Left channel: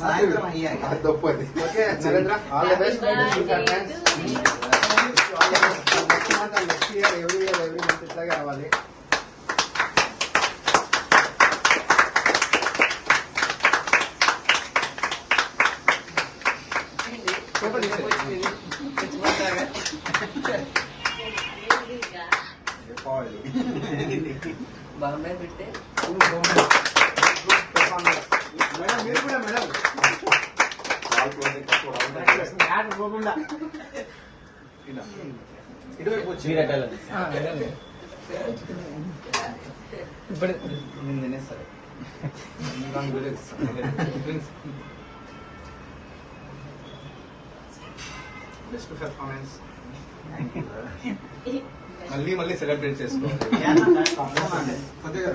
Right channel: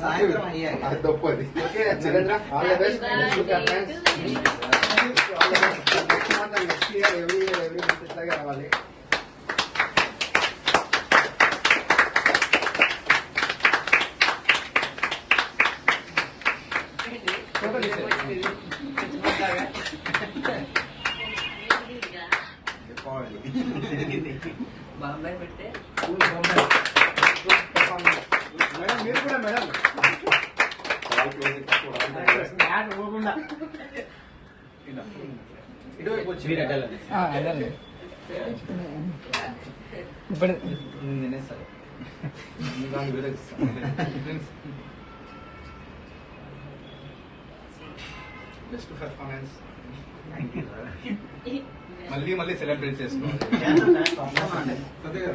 సాయంత్రం అయ్యాక తప్పది. Okay Narendra all the best next year every month ఇట్లాగే రావాలి. మేడం మీరు కూడా మేడం బెస్ట్ పర్ఫార్మెన్స్. మళ్ళీ సెలబ్రేట్ చేసుకో. కొద్దిగా